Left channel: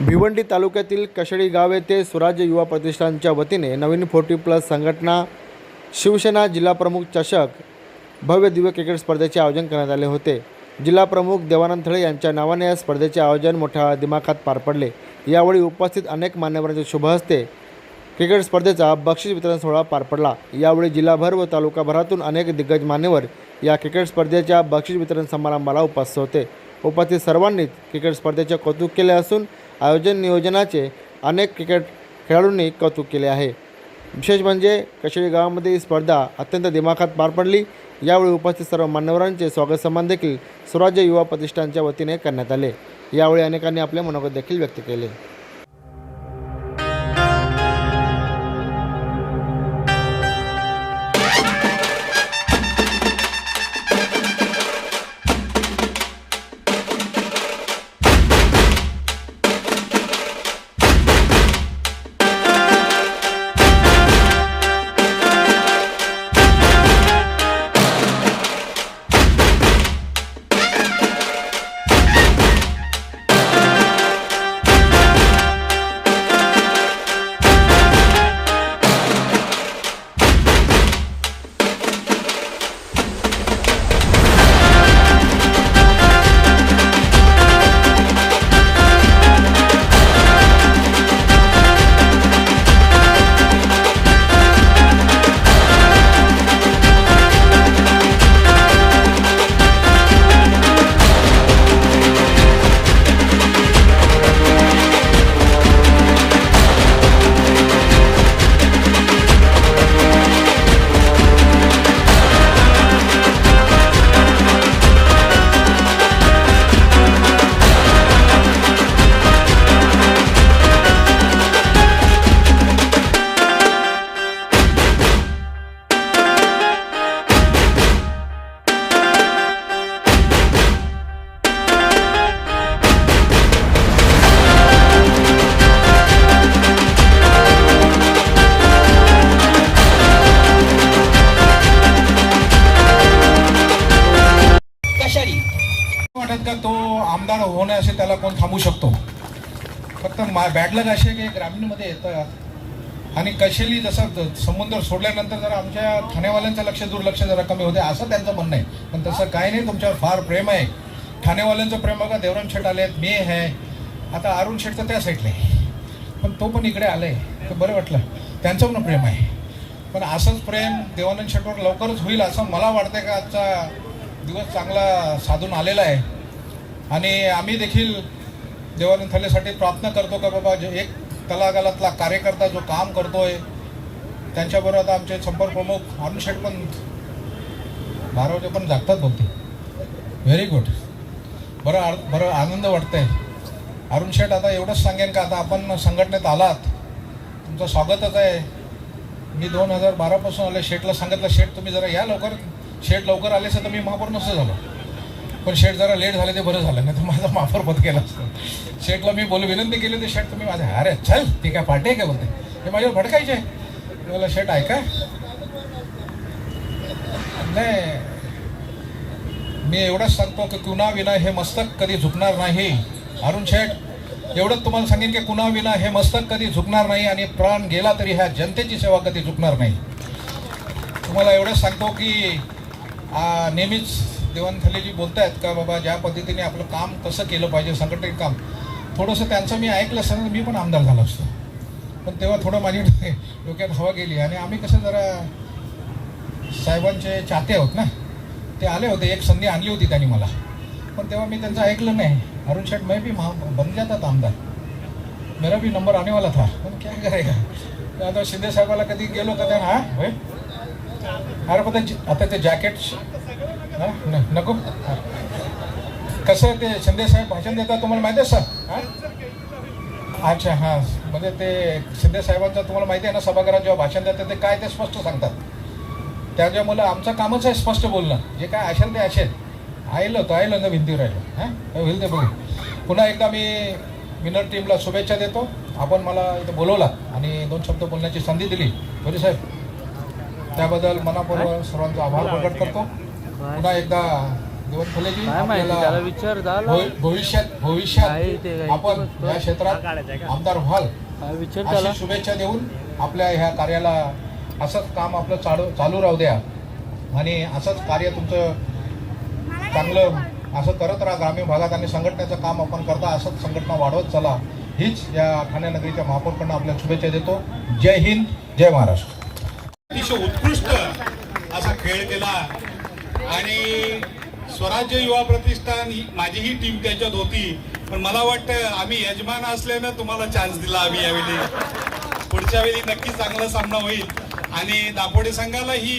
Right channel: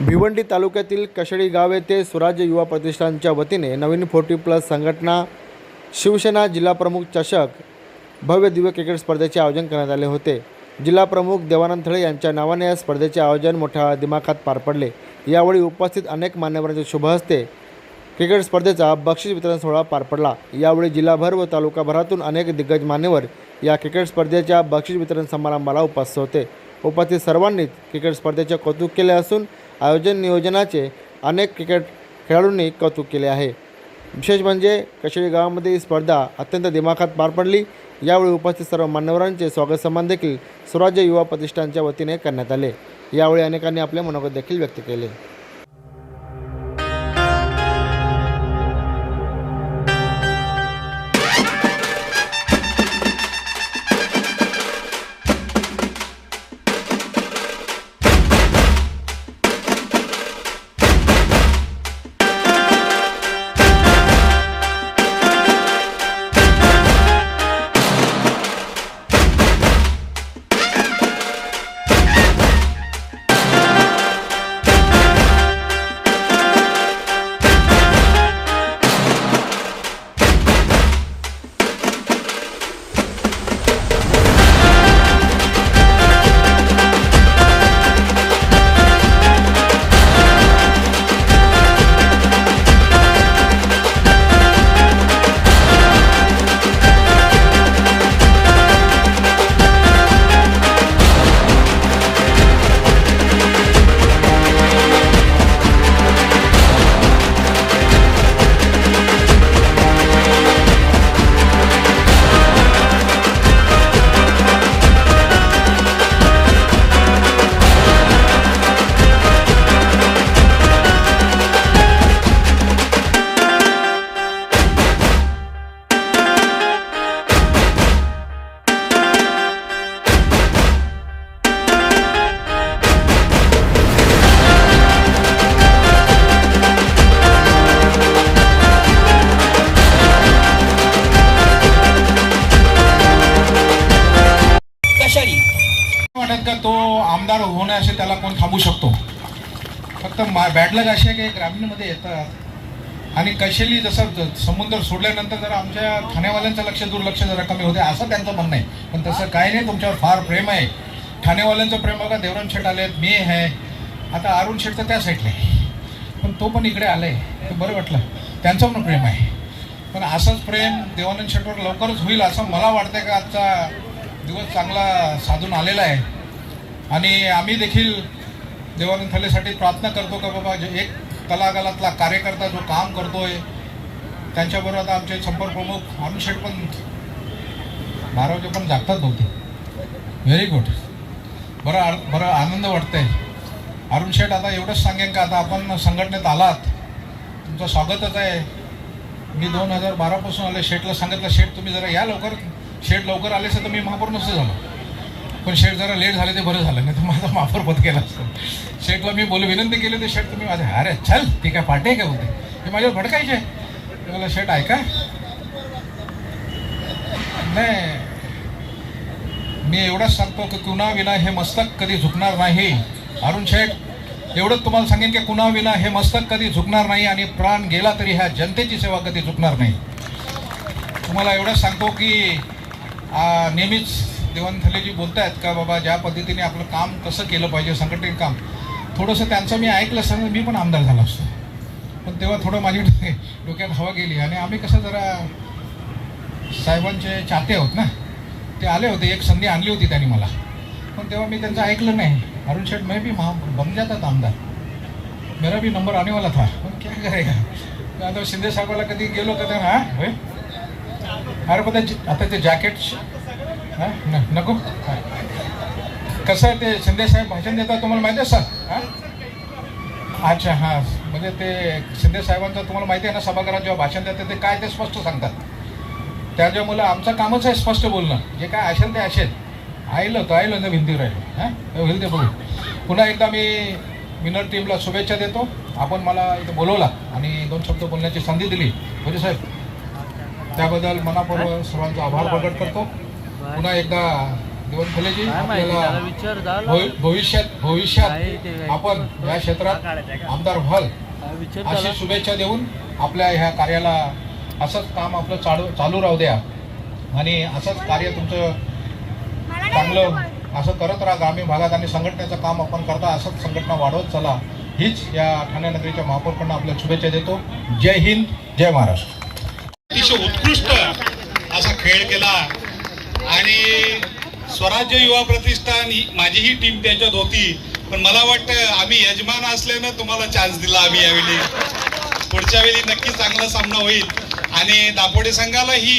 भिवंडी तालुक्यातील कशेडी गाव येथे स्वराज्य युवा प्रतिष्ठानच्या वतीने नवीन फोर्टी प्लस संघटना शिवसेना जिल्हाप्रमुख चषक भव्य दिव्य क्रिकेट स्पर्धेचे आयोजन करण्यात आले होते. जिल्हाप्रमुख देवानंद थळे यांच्या नावाने या स्पर्धेचे आयोजन मोठ्या दिमाखात पार पडले. यावेळी उपस्थित अनेक मान्यवरांचे शुभ हस्ते क्रिकेट स्पर्धेचा बक्षीस वितरण सोहळा पार पडला. यावेळी जिल्हाभर व तालुकाभरातून अनेक दिग्गज मान्यवर या क्रिकेट स्पर्धेच्या बक्षीस वितरण समारंभाला उपस्थित होते. उपस्थित सर्वांनीच क्रिकेट स्पर्धेचे कौतुक केले असून आयोजन नियोजनाचे अनेक क्रिकेट खेळाडूंनी कौतुक केले आहे. विशेष म्हणजे कशेळी गावामध्ये ही स्पर्धा अत्यंत दिमाखात पार पडली. यावेळी उपस्थित सर्व मान्यवरांचे स्वागत सन्मान देखील स्वराज्य युवा प्रतिष्ठानच्या वतीने करण्यात आले. यावेळी अनेकांनी आपले मनोगत देखील व्यक्त केले. नाही असे त्याला कोण थांबू शकतो. फक्त मा बॅडलक असे आहे की ग्रामीणमध्ये येतात. आणि कशेली जसं समुद्र सोडल्यानंतर जरा आमच्या ठाणेवाल्यांचं लक्ष दुर्लक्ष जरा कमी होते असं त्यांचं म्हणणं आहे. पण तसं काही नाही तुमच्यावर फार प्रेम आहे. ठाणेवाल्यांचं प्रेम बघा देवराम शेठ आहेत मी आहे. आता अरुण शेठ तर त्या साईडला आहे. पण तो पण इकडे आलाय. ते बरं वाटलं. त्यांचं पण प्रेम आहे. पण असंच प्रेम देवानंद शेठवर लवकरच होईल असं मला वाटतं का आजचा दिवस चांगला साधून आलेला आहे. आणि आम्ही देखील देवानंद थलेसाठी प्रार्थना करतो का बाबा जे एक तलागालातला कार्यकर्ता जो काम करतोय त्यांच्याबरोबर आता आमचे संपर्क प्रमुख अरुण शेठ पण बारावजे पण जागतात बोलते व्हेरी गुड बरं आ- बरं आनंद वाटतंय. अरुण शेठ आता एवढंच सांगेन का आता आपण संघटनेत आलात. तुमचं स्वागतच आहे. मी दोन हजार बारापासून आले शेठला सांगितलं शेठ तुम्ही जरा या लवकर. शेठ लवकर आले असं तर मी महापौर नसतं झालो. पण शेठ जरा लेट झाले ते बरं झालं नाही तर माझा माफर पत केला असतं. शेठला मी बोल विनंती केली तर शेठ तुम्ही माझे अरे चल ठीक आहे पार्टी आहे का बोलते? हे माझ्यावर भडकायचे आहे मला शेठ ऐका. नाही मी एवढंच सांगतो की कुणा विना हे मस्तक कधी झुकणार नाही. अरुण शेठ एवढंच तुम्हाला सांगेन की कुणाविना हे मस्तक कधी झुकणार नाही आणि प्राण गेला तरी ह्या जनतेची सेवा कधी झुकणार नाही. तुम्हाला एवढंच सांगतो की नेहमीच देवंथलेजी बोलत आहेत का बाबा ज्या पद्धतीने आपलं काम कसं केलं पाहिजे संघटित काम. थोडंसं त्यांचं मी ऐकलं असतं मी पण आमदार झालो असतो. पण तेव्हा थोडं माझी डोक्यात हवा गेली. आणि आम्ही कसं जरा साहेबांचे चाहते आहोत ना. ते आले होते एक संधी आणली होती त्यांनी मला. पण तेव्हा मी त्यांचं ऐकलं नाही. अरुण शेठ मैं भी बन जाता था आमदार. मेरा भी नंबर आने वाला था. पण क्या करेगा? आता शिंदे साहेबाला कधी गेलो का त्यांना अरे पण आता ते जॅकेट हा? नको? कसं आहे ते शिंदे साहेब भाषण देतात तुम्हाला माहिती आहे सर? हा? अच्छा हां. म्हणजे ते शिंदे साहेबांचं तुम्हाला माहिती आहे ना सभागृहात जेव्हा भाषण देतात ते काय ते स्पष्ट सांगतात. त्याच्यामुळं आमचं कामच आहे स्पष्ट बोलणं. जे काय असेल ते असेल. आयलं तर आयलं ना भिंतीवर राहिलं. हां? होईल ते बघू. पुन्हा एकदा मी विनर टीमला शुभेच्छा देतो. आपण मला इथं बोलवला आणि दोन शब्द बोलण्याची संधी दिली. म्हणजे साहेब? त्याबद्दल मनापूर्वक सर्वांचा आभार प्रकट करतो. पुन्हा एकदा भविष्यात भविष्यात? आपण या क्षेत्रात आमदार व्हाल. अशी शुभेच्छा देऊन आपल्या ह्या कार्याला असंच काम आपलं चालू चालू राहू द्या. आणि असंच कार्य तुमचं चांगलं असं करत राहा. ग्रामीण भागात आणि संघटनेचं काम आपण करता असंच संघटना वाढवत चला. हीच या ठाणे नगरीच्या महापौरकडनं आपल्याला शुभेच्छा देतो. जय हिंद जय महाराष्ट्र. अतिशय उत्कृष्ट असा खेळ केला आणि स्वराज्य युवा प्रतिष्ठान ही माझीही टीम त्याच्यात होती. पण मला वाटतं आम्ही यजमान असल्यानं तुम्हाला चान्स दिला आम्ही यावेळी. पुढच्या वेळी नक्की चांगला सामना होईल. आणि दापोडे संघालाही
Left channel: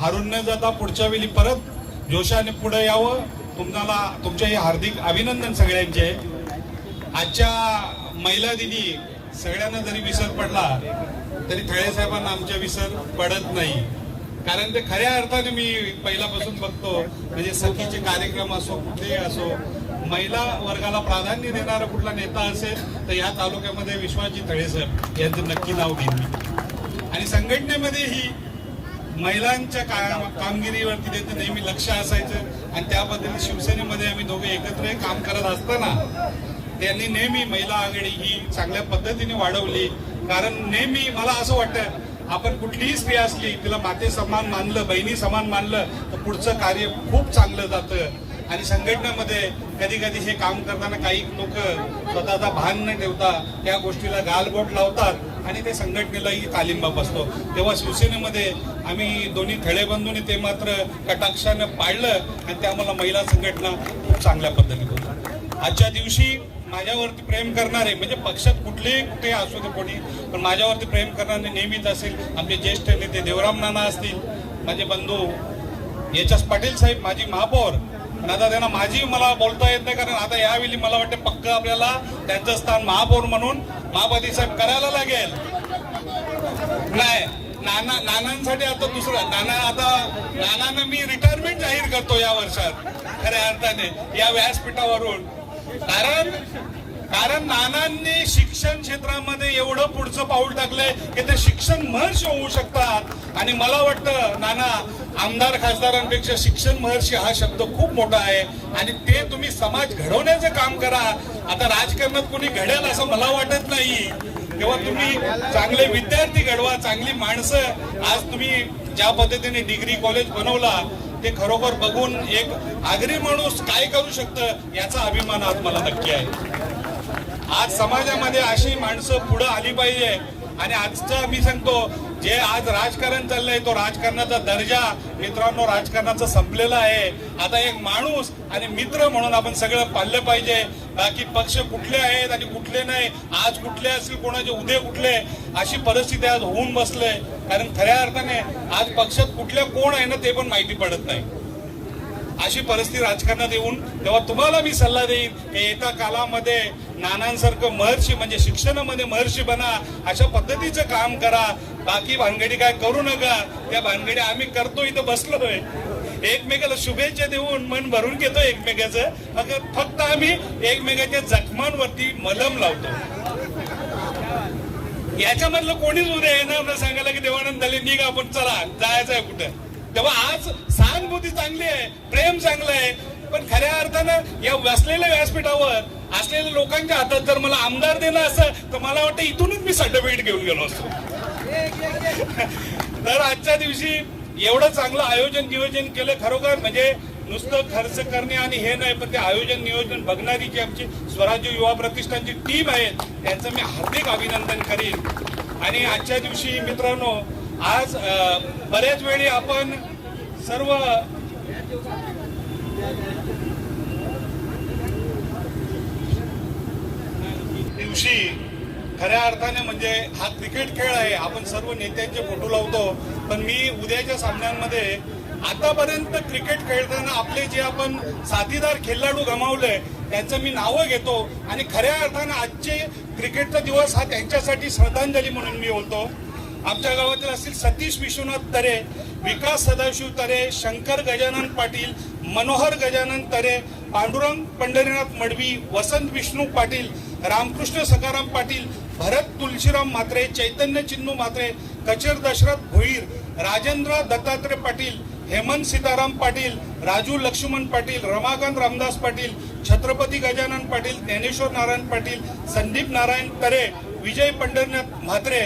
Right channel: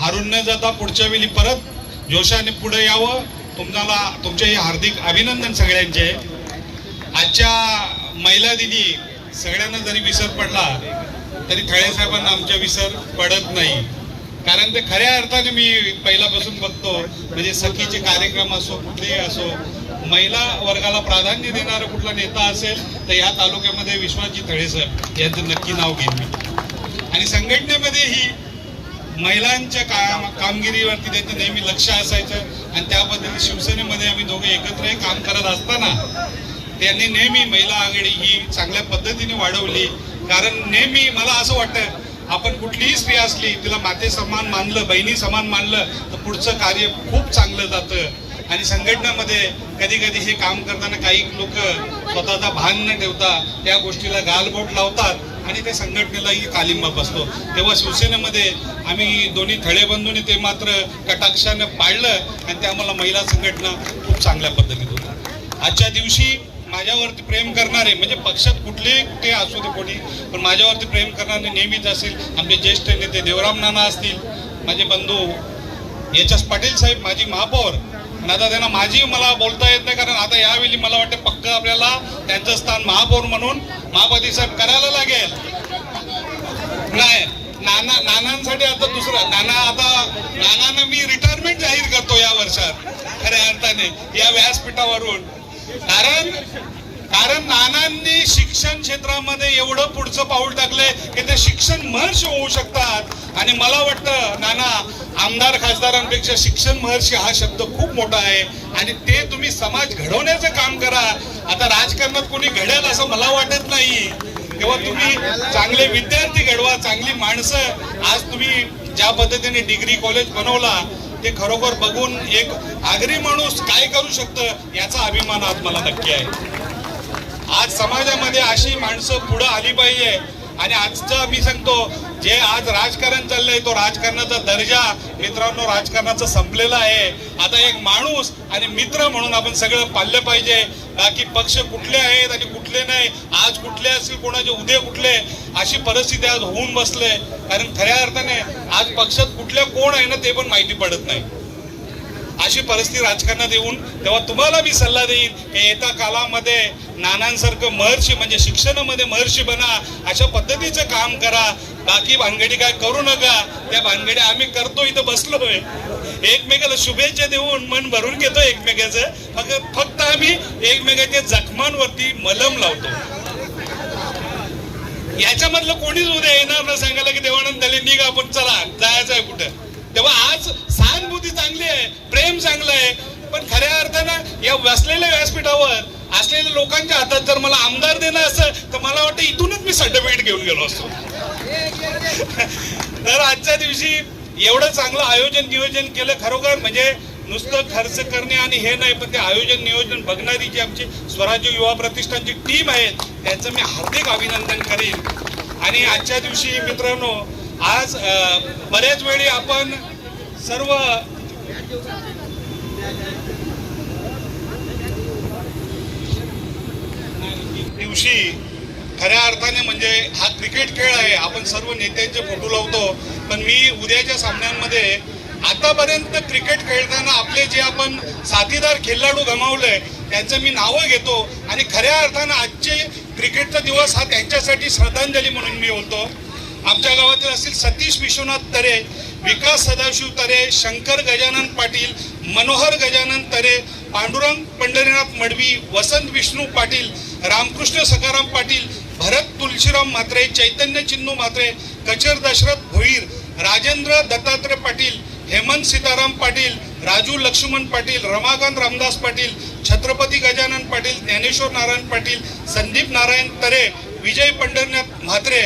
हारून न जाता पुढच्या वेळी परत जोशाने पुढे यावं. तुम्हाला तुमच्याही हार्दिक अभिनंदन सगळ्यांचे. आजच्या महिला दिनी सगळ्यांना जरी विसर पडला तरी थळे साहेबांना आमच्या विसर पडत नाही. कारण ते खऱ्या अर्थाने मी पहिल्यापासून बघतो म्हणजे सखीचे कार्यक्रम असो कुठलेही असो महिला वर्गाला प्राधान्य देणारा कुठला नेता असेल तर या तालुक्यामध्ये विश्वनाथजी थळे यांचं नक्की नाव घेईन मी. आणि संघटनेमध्ये ही महिलांच्या काम कामगिरीवरती त्यांचं नेहमी लक्ष असायचं आणि त्या पद्धतीने शिवसेनेमध्ये आम्ही दोघे एकत्र काम करत असताना त्यांनी नेहमी महिला आघाडी ही चांगल्या पद्धतीने वाढवली. कारण नेहमी मला असं वाटतं आपण कुठलीही स्त्री असली तिला माते समान मानलं बहिणी समान मानलं तर पुढचं कार्य खूप चांगलं जातं. आणि संघटनेमध्ये कधी कधी हे काम करताना काही लोक स्वतःचा भान न ठेवता त्या गोष्टीला गालबोट लावतात आणि त्या संघटनेलाही तालिंबा बसतो तेव्हा शिवसेनेमध्ये आम्ही दोन्ही थळेबंधूंनी ते मात्र कटाक्षानं पाळलं आणि त्या आम्हाला महिला संघटना खूप चांगल्या पद्धतीत होत्या आजच्या दिवशी माझ्यावरती प्रेम करणारे म्हणजे पक्षात कुठलेही ते असू दे कोणी पण माझ्यावरती प्रेम करणारे नेहमीच असेल. आमचे ज्येष्ठ नेते देवराम नाना असतील माझे बंधू एच एस पाटील साहेब माझी महापौर. आणि आता त्यांना माझी मला बोलता येत नाही कारण आता यावेळी मला वाटतं पक्क आपल्याला त्यांचं स्थान महापौर म्हणून महापती साहेब करायला लागेल. नाही नाना नानांसाठी आता दुसरं नाना आता नानांना मी रिटायरमेंट जाहीर करतो या वर्षात. खऱ्या अर्थाने या व्यासपीठावरून. कारण कारण नानांनी शिक्षण क्षेत्रामध्ये एवढं पुढचं पाऊल टाकलंय की ते शिक्षण महर्षी होऊ शकतात. आणि मला वाटतं नाना आमदार खासदारांपेक्षा शिक्षण महर्षी हा शब्द खूप मोठा आहे. आणि ते तुम्ही समाज घडवण्याचं काम करा. आता राजकारणात कोणी घडेल असं मला वाटत नाही. तेव्हा तुम्ही चांगले विद्यार्थी घडवा चांगली माणसं. आज तुम्ही ज्या पद्धतीने डिग्री कॉलेज बनवला ते खरोखर बघून एक आगरी माणूस काय करू शकतं याचा अभिमान आज मला नक्की आहे. आज समाजामध्ये अशी माणसं पुढं आली पाहिजे. आणि आजचं मी सांगतो जे आज राजकारण चाललंय तो राजकारणाचा दर्जा मित्रांनो राजकारणाचा संपलेला आहे. आता एक माणूस आणि मित्र म्हणून आपण सगळं पाळलं पाहिजे. बाकी पक्ष कुठले आहेत आणि कुठले नाही आज कुठले असतील कोणाचे उद्या कुठले अशी परिस्थिती आज होऊन बसले. कारण खऱ्या अर्थाने आज पक्षात कुठल्या कोण आहे ना ते पण माहिती पडत नाही. अशी परिस्थिती राजकारणात येऊन तेव्हा तुम्हाला मी सल्ला देईन की येत्या कालामध्ये नानांसारखं महर्षी म्हणजे शिक्षणामध्ये महर्षी बना अशा पद्धतीचं काम करा. बाकी भानगडी काय करू नका. त्या भानगडी आम्ही करतो इथं बसलोय. एकमेकाला शुभेच्छा देऊन मन भरून घेतो एकमेकाचं. फक्त फक्त आम्ही एकमेकाच्या जखमांवरती मलम लावतो. याच्यामधलं कोणीच उद्या येणार ना सांगायला की देवानंद झाले निघ आपण चला जायचं आहे कुठं. तेव्हा आज सहानुभूती चांगली आहे प्रेम चांगलं आहे पण खऱ्या अर्थानं या वसलेल्या व्यासपीठावर असलेल्या लोकांच्या हातात जर मला आमदार देणं असं तर मला वाटतं इथूनच मी सर्टिफिकेट घेऊन गेलो असतो. तर आजच्या दिवशी एवढं चांगलं आयोजन नियोजन केलं खरोखर म्हणजे नुसतं खर्च करणे आणि हे नाही पण ते आयोजन नियोजन बघणारी जी आमची स्वराज्य युवा प्रतिष्ठानची टीम आहे त्यांचं मी हार्दिक अभिनंदन करेन. आणि आजच्या दिवशी मित्रांनो आज बऱ्याच वेळी आपण सर्व दिवशी खऱ्या अर्थाने म्हणजे हा क्रिकेट खेळ आहे. आपण सर्व नेत्यांचे फोटो लावतो. पण मी उद्याच्या सामन्यांमध्ये आतापर्यंत क्रिकेट खेळताना आपले जे आपण साथीदार खेळाडू गमावले त्यांचं मी नावं घेतो आणि खऱ्या अर्थानं आजचे क्रिकेटचा दिवस हा त्यांच्यासाठी श्रद्धांजली म्हणून मी बोलतो. आमच्या गावातील असतील सतीश विश्वनाथ तरे विकास सदाशिव तरे शंकर गजानन पाटील मनोहर गजानन तरे पांडुरंग पंढरीनाथ मडवी वसंत विष्णू पाटील रामकृष्ण सखाराम पाटील भरत तुलशीराम म्हात्रे चैतन्य चिन्नू म्हात्रे कचर दशरथ भोईर राजेंद्र दत्तात्रय पाटील हेमंत सीताराम पाटील राजू लक्ष्मण पाटील रमाकांत रामदास पाटील छत्रपती गजानन पाटील ज्ञानेश्वर नारायण पाटील संदीप नारायण तरे विजय पंढरनाथ म्हात्रे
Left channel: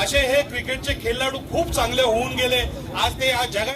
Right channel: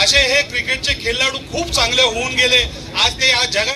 असे हे क्रिकेटचे खेळाडू खूप चांगले होऊन गेले. आज ते या जगात